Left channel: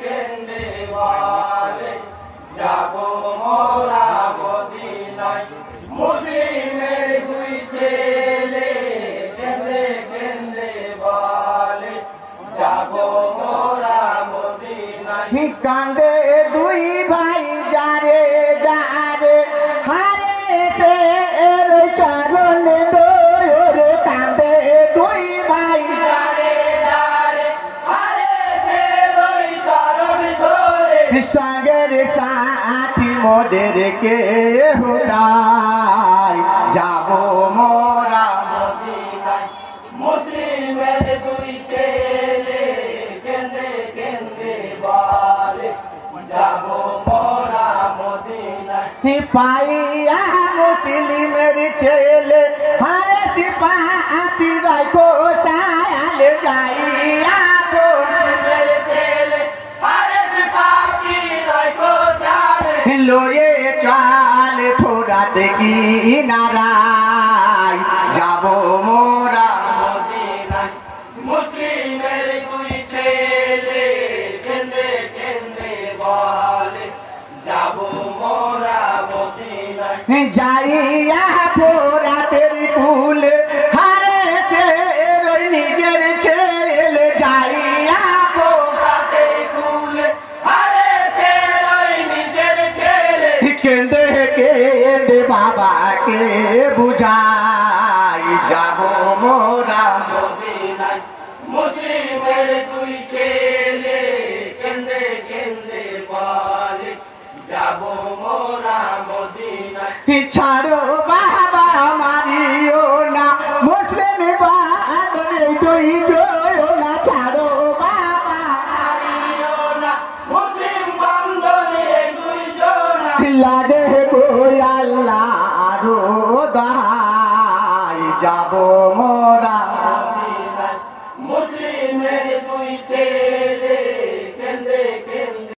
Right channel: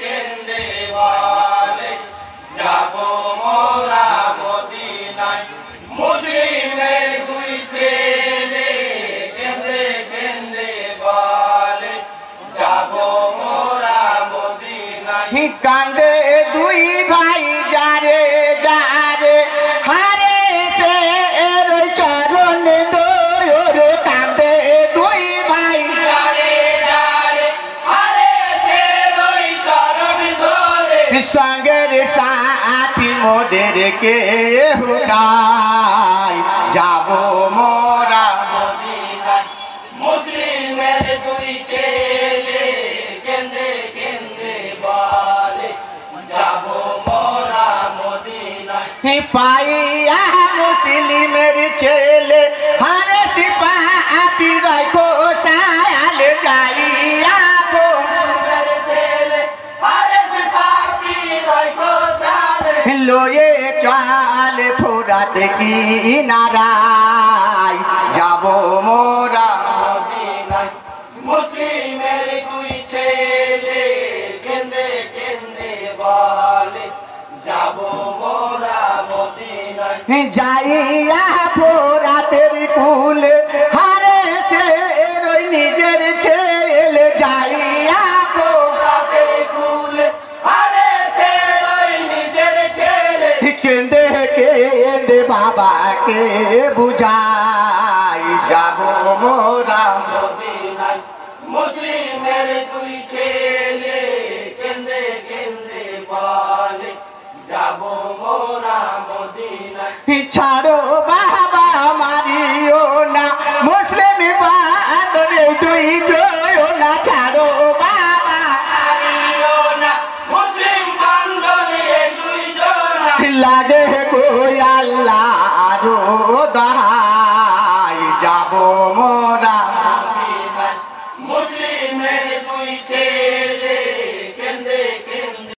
কেন্দ্রে বলে যাব মোরা মদিনায় মুসলিমের দুই ছেলে কেন্দ্রে কেন্দ্রে বলে যাব মোরা মদিনায় কান্দে দুই ভাই যারে যারে হারে সে এর চরণ দোর কান্দে দুই ভাই যারে যারে হারে সে ওই চরণ ধরে সঙ্গের সাথী মোদের কে হুনাই যাব মোরা মদিনায় মুসলিমের দুই ছেলে কেন্দ্রে কেন্দ্রে বলে যাব মোরা মদিনায় পাইয়া মুসলিমের ছেলে হারে সিপাহী রাখো সায়াল যাইয়া ছেলে হারে সিপাহী রাখো সালে লয়ে চাল ফোরাত কিনারায় যাব মোরা মদিনায় মুসলিমের দুই ছেলে কেন্দ্রে কেন্দ্রে বলে যাব মোরা মদিনায় যাইয়া ফোরাতের কুলে হারে সে নিজের ছেলে যাইয়া রাতে কুলে হারে সে ওই নিজের ছেলে কেন্দে কেন্দে বাবাকে বুঝাই যাব মোরা মদিনায় মুসলিমের দুই ছেলে কেন্দ্রে কেন্দ্রে বলে যাব মোরা মদিনায় ছাড়ো বাবা মারিও না মুসলিম বাদরে দুই জয় না ছাড়ো বাবা হারিও না মুসলিম বান্ধবী দুই জনা লাগে কই আল্লাহ দহাই যাব মোরা মদিনায় মুসলিমের দুই ছেলে